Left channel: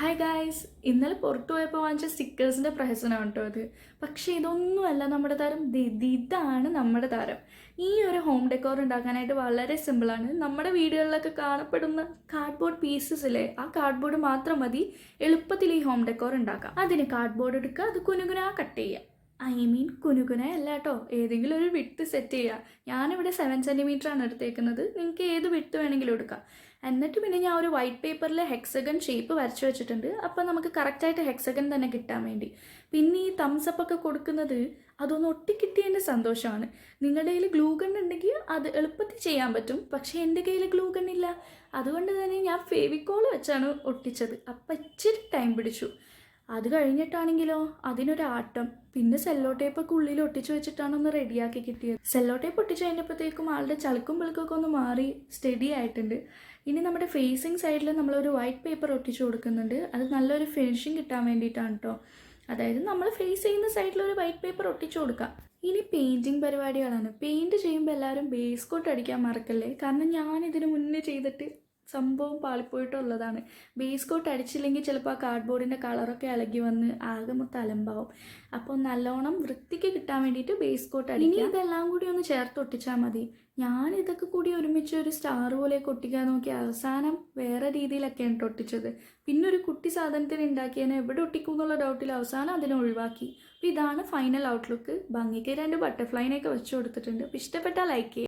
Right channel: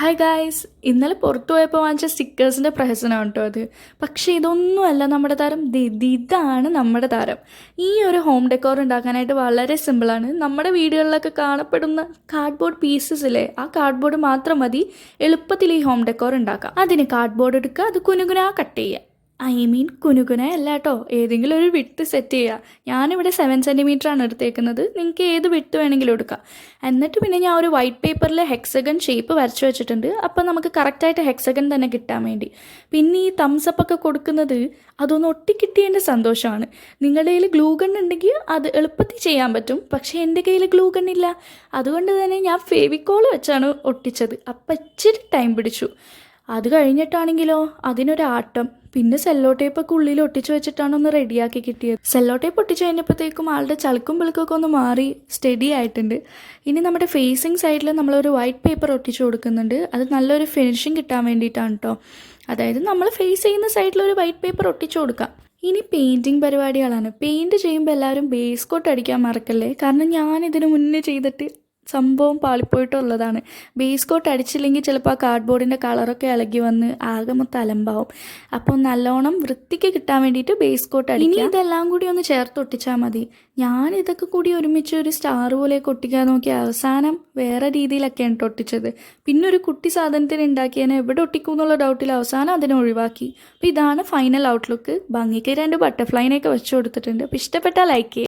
Hi guys, ഇന്നലെ പുറത്തു പോയപ്പോൾ വാങ്ങിച്ച സ്റ്റിക്കേഴ്സിൻ്റെ പ്രഹസനമാണ് കേട്ടോ അത്. പക്ഷേ ഇതൊന്നുമല്ല നമ്മുടെ താരം. ഇതാണ് നമ്മുടെ താരം. ഈ ഒരു ഹോം ഡെക്കോർ ഉണ്ടാക്കാനായിട്ട് വളരെ സിമ്പിളാണ്. നമ്മുടെ വീടുകളിലൊക്കെ കാണപ്പെടുന്ന കാർഡ്ബോർഡ് പീസസ് ഇല്ലേ, ആ കാർഡ്ബോർഡ് മാത്രം മതി എളുപ്പത്തിൽ ഈ ഹോം ഡെക്കോർ ഉണ്ടാക്കാം. അതിന് കാർഡ്ബോർഡ് എടുക്കുക, അത് കുനുകുനാ കട്ട് ചെയ്യുക. കുനുകുന അല്ല കേട്ടോ, ഏതെങ്കിലും ഒരു വിട്ട് സെറ്റ് ചെയ്യുക. ഞാനിവിടെ 7 സെൻറ്റിമീറ്ററാണ് എടുത്തേക്കുന്നത്. നിങ്ങൾക്ക് ഏത് വിട്ട് വേണമെങ്കിലും എടുക്കാം. എന്നിട്ട് പിന്നെ ഞാൻ ഒരു വൈറ്റ് പേപ്പറിൽ ഹെക്സഗൺ ഷേപ്പ് വരച്ചു വെച്ചിട്ടുണ്ട്. അപ്പോൾ നമുക്ക് കറക്റ്റായിട്ട് ഹെക്സഗൺ തന്നെ കിട്ടാൻ വേണ്ടി. പിന്നെ ഈ തംസപ്പ് ഒക്കെ കൊടുക്കുന്നത് അതൊന്ന് ഒട്ടിക്കിട്ടിയതിൻ്റെ സന്തോഷമാണ്. നിങ്ങളുടെ കയ്യിൽ ഗ്ലൂ ഗൺ ഉണ്ടെങ്കിൽ അത് എളുപ്പത്തിൽ ചെയ്യാൻ പറ്റും. പക്ഷേ എൻ്റെ കയ്യിൽ ഗ്ലൂ ഗൺ ഇല്ല. അതുകൊണ്ട് തന്നെ ഞാൻ ഫെവിക്കോൾ വെച്ചാണ് ഒട്ടിച്ചത്. അപ്പം ഇച്ചിരി ടൈം പിടിച്ചു. അത് കഴിഞ്ഞിട്ടാണെങ്കിലോ അതിനൊരാട്ടം. പിന്നെ സെല്ലോ ടേപ്പൊക്കെ ഉള്ളിൽ ഒട്ടിച്ച് വെച്ചിട്ടാണ് ഒന്ന് റെഡിയാക്കി കിട്ടിയത്. സെല്ലോ ടേപ്പ് ഒട്ടിച്ച് കഴിഞ്ഞപ്പോഴത്തേക്കും ആളുടെ ചളുക്കും പിളുക്കൊക്കെ ഒന്ന് മാറി സ്റ്റഡി ആയിട്ടുണ്ട്. ഇനി നമ്മുടെ ഫേസിങ് സൈഡിൽ നമ്മളൊരു വൈറ്റ് പേപ്പർ ഒട്ടിച്ച് കൊടുക്കുന്നുണ്ട്. അത് നല്ലൊരു ഫിനിഷിങ് കിട്ടാൻ വേണ്ടിയിട്ടാണ് കേട്ടോ. അതായത് നമ്മൾ ഫേസ് ചെയ്യുന്ന സൈഡിൽ ഒരു വൈറ്റ് പേപ്പർ ഒട്ടിച്ച് കൊടുക്കാം. ഇനി പെയിൻറ്റിങ് പരിപാടികളാണ്. പെയിൻറ്റ് ചെയ്യുമ്പോൾ എല്ലാവരും ബേസ് കോട്ട് അടിക്കാൻ മറക്കല്ലേ. കാരണം ഞാനിതിന് മുന്നേ ചെയ്തിട്ട് സംഭവം പാളിപ്പോയിട്ടുള്ളതാണ്. ബേസ് കോട്ട് അടിച്ചില്ലെങ്കിൽ ചിലപ്പോൾ ആ കാർഡ്ബോർഡിൻ്റെ കളറൊക്കെ ഇളകി വന്ന് ആകെ മൊത്തം അലമ്പാവും. അപ്പോൾ നല്ലോണം വൃത്തിക്ക് കിട്ടാൻ വേണ്ടിയിട്ട് ബേസ് കോട്ട് അടിക്കുക. ഇനി ഇതെല്ലാം കൂടി ഒന്ന് ചേർത്ത് ഒട്ടിച്ചാൽ മതി. ഞാൻ ഇതൊക്കെ കൂടി ഒരുമിച്ച് ഒരു സ്റ്റാർ പോലെയൊക്കെ ഒട്ടിക്കാൻ നോക്കി അവസാനം വേറെ രീതിയിലൊക്കെയാണ് ഒട്ടിച്ചത്. പിന്നെ ഒരു കുട്ടി സാധനത്തിന് ഉണ്ടാക്കിയതിനെ എവിടെ ഒട്ടിക്കും എന്നുള്ള ഡൗട്ടിൽ അവസാനം അതിനെ ഒഴിവാക്കി. അപ്പോൾ ഇതാണ് ഫൈനൽ ഔട്ട്ലുക്ക്. ഭംഗിക്ക് 2 ബട്ടർഫ്ലൈനെയൊക്കെ വെച്ച് കൊടുത്തിട്ടുണ്ട്. അപ്പോൾ ഇഷ്ടപ്പെട്ടാൽ ലൈക്ക് ചെയ്യുക.